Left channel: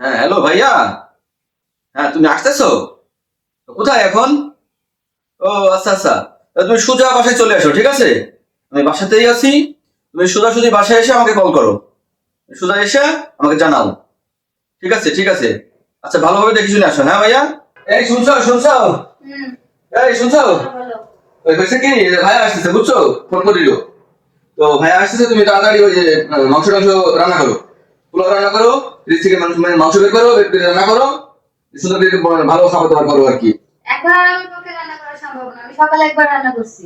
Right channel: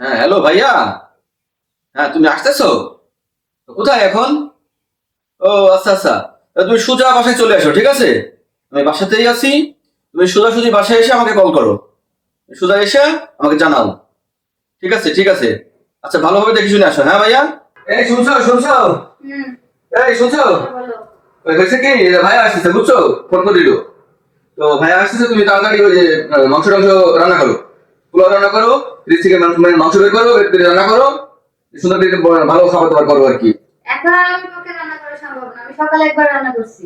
হ্যাঁ, হ্যালো ভাইয়া। হ্যাঁ, তুমি আসতেছো? তো কোথায় এখন? ও আচ্ছা আচ্ছা। তুমি সোজা বাসায় চলে আসো, ঠিক আছে? আমি বাসাতেই আছি। তুমি সোজাসুজি বাসায় এসে আমাকে কল করো। সোজা এসে আমাকে জানাও। ঠিক আছে ঠিক আছে। আচ্ছা, ভালোভাবে দেখে শুনে আসো, হ্যাঁ ভাইয়া। এই শুনছো শুনছো? হুম। এই শুনছো? বলো। ওই হয়েছে কি, ভাইয়া আসতেছে বুঝছো, ফোন করে দিল। তো ভাইয়া আসতেছে, তুমি তাড়াতাড়ি ওই যে মাংস টাংস রান্না করো, পোলাও রান্না করো, ফ্রিজ থেকে মাংস বের করো, বের করে রান্না করো, সুন্দর করে ভালো খাবার দাবার করো আর কি। এখন আর আমার পক্ষে রান্না করা সম্ভব না, আমি সকালে একবার রান্না করছি।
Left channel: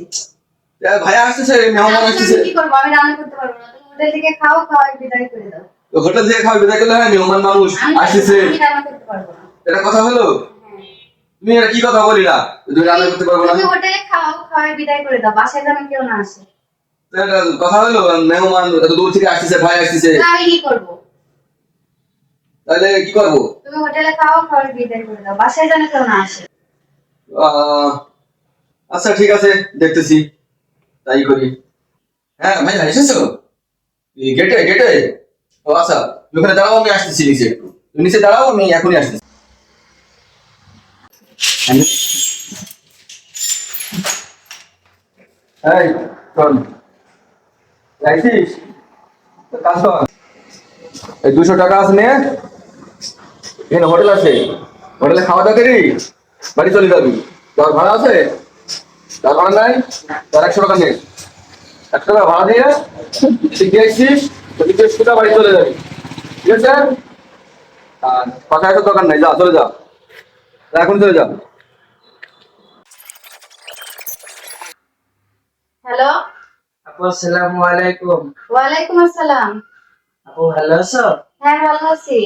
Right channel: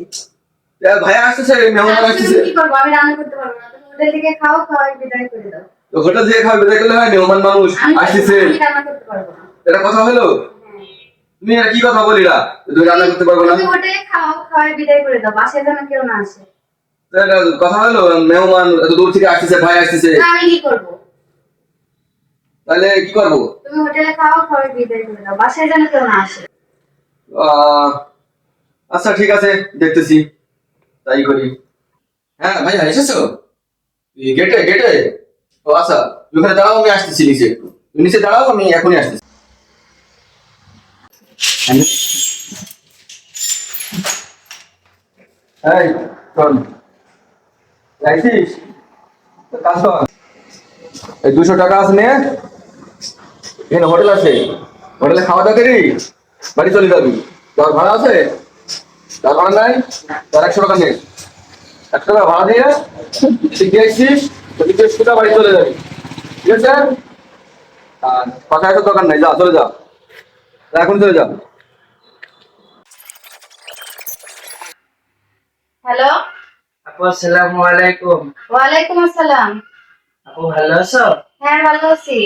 ভাইয়া আসতেছে, মেহমান আজকে আসতেছে। আমি কি করবো? আমি রান্না করতে পারবো না, তুমি হোটেল থেকে খাও, খাওয়াই বিদায় করে দাও। তো হোটেল থেকে খাওয়া বিদায় করলে হয়? মেহমান মানুষ আমি আসতেছে। আমি রান্না করতে পারবো না। এটা কথা হলো? হ্যাঁ। তুমি এটা কি কথা বলিলা, তুমি রান্না করতে পারবো না? তুমি হোটেলে খাও, খাওয়াই বিদায় করে দাও, বাসায় যেন কেউ না আসে। তো এটা কথা হলো? মেহমান এত দূর থেকে আসতেছে, ভাই আসতেছে, না, আমি কি করবো? তাহলে কি করবো? তুমি হোটেলে খাও, খাওয়াই বিদায় করে দাও, বাসায় যেন কেউ না আসে। আহ আচ্ছা ঠিক আছে, দেখতেছি, তাই করি। হ্যাঁ ভাইয়া এসেছো? গেটে গেটে? ও আচ্ছা, তুমি ওখানে দাঁড়াও, আমি আসতেছি নিচে। তুমি নিচে দাঁড়াও, আমি এখনই আসতেছি। এই শোন, যাইছিস? তো কাজ কর, এই 200 টাকা আছে নে, এখানে হোটেল আছে, হোটেলে খাওয়া দাওয়া করি, বাড়ি চলে যাবি। তোর ভাড়া আছে? তার ভাড়া নাই? তার 100 টাকা নে, 100 টাকা ভাড়া দিয়ে তুই গিয়ে আসছিস, তো তুই সোজা বাড়ি চলে যাবি, ঠিক আছে? আর পাশে আসার দোকান নাই, যা চলে যা, যা, এখন চলে যা। হ্যালো। আপু আসসালামু আলাইকুম। ওয়ালাইকুম আসসালাম। আপু ভালো আছো? হ্যাঁ, ভালো আছি।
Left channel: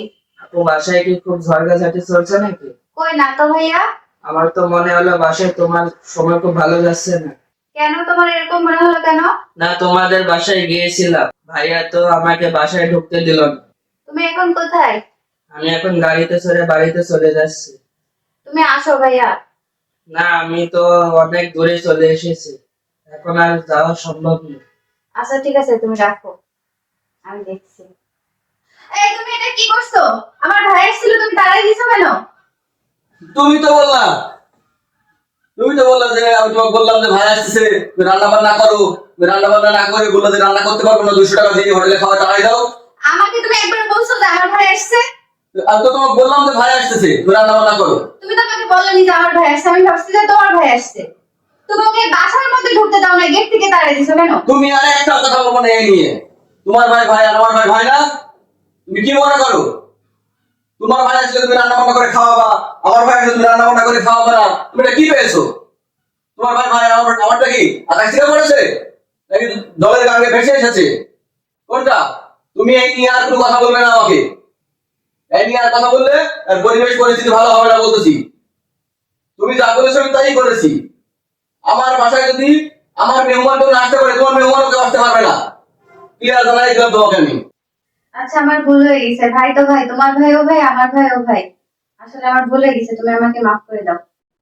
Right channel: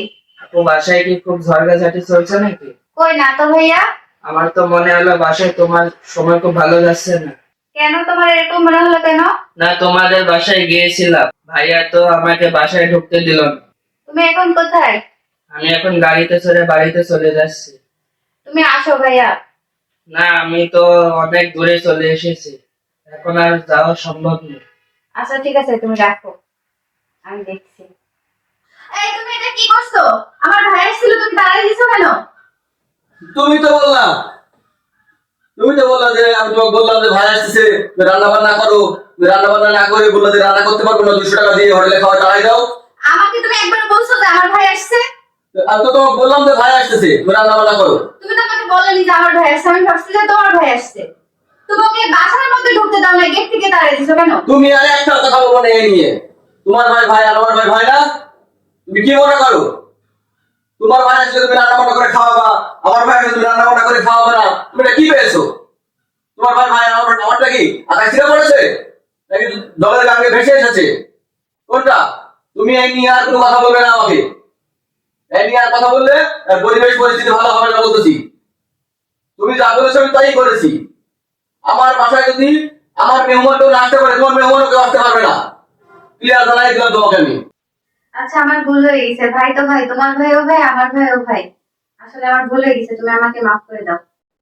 আপু বাসায় কি খুব ঝড়ঝাটি চলছে নাকি? কই না তো ভাইয়া। আমার তো মনে হলো বাসায় তোমার সময় খুব ভালো যাচ্ছে না। কেন, তোমার এরকম মনে হলো কেন? না, তোমাদের বাসায় গিয়েছিলাম, ভাইয়া তো আমাকে বাসায় ঢুকতে দিল না। তুমি এখন কোথায়? আমি এখন গাড়িতে চড়ে বাড়িতে চলে যাচ্ছি। তুমি আসো ভাইয়া। না, আমি তো অনেক দূরে চলে এসেছি, এখন আর যাওয়া সম্ভব নেই। আচ্ছা ঠিক আছে, তুমি রাখো, আমি দেখছি। এই, তুমি এটা কি করছো? আমার ভাই এসেছিল, তুমি তাড়াই দিছো কেন? তুমি তো বললা, তুমি তো বললা যে, আমি তোমাকে বললাম যে ভাই আসতেছে, তুমি রান্না বান্না করো, তুমি রান্না বান্না না করে বললা যে রান্না করতে পারবো না, 200 টাকা দিয়ে হোটেলে খাওয়া চালাই দাও। আমাকে তুমি একবার বলছো যে আমার ভাই আসছে? আমি তো তোমাকে বললাম যে ভাই আসতেছে, তুমি রান্না বান্না করো। তুমি তো আমাকে বলনি যে আমার ভাই আসছে, আমি ভাবছি যে তোমার ভাই আসছে। তুমি ওকে বাসার মধ্যে ঢুকতে দাও না, গেট থেকে তাড়াই দিছো কেন? তুমি আর একটা কথা বলবো না এই নিয়ে। তোমার ভাই ভাই আর আমার ভাই ভাই না? তুমি কি মনে করো? তোমার ভাই আসলে তুমি রান্না বান্না করে খাওয়াবা, আমার ভাই আসলে তুমি রান্না বান্না করে খাওয়াবে না, তুমি এটা কি পেয়েছো? তোমার ভাই ভাই আর আমারটা কি আকাশ থেকে পড়েছে নাকি জলের গাঙ্গে ভেসে এসেছে? কোনটা? তুমি এই নিয়ে আর কোনো কথা বলবে না আমাকে। এই নিয়ে আর কথা বললে পরিবেশ পরিস্থিতি ভালো হবে না বলতেছি। তুমি যা বলেছো আমি তাই করেছি। আমার বাসায় যদি আমার মেহমান কেউ না আসতে পারে, তোমার মেহমানও কেউ আসতে পারবে না। ক্লিয়ার জানাই দিলাম তোমাকে আমি। আচ্ছা, আমার ভুল হয়ে গেছে। ভাই তো ভাই, তোমার ভাইও ভাই, আমার ভাইও ভাই। আসলে আমার ভুল হয়ে গেছে, তুমি আমাকে মাফ করে দাও।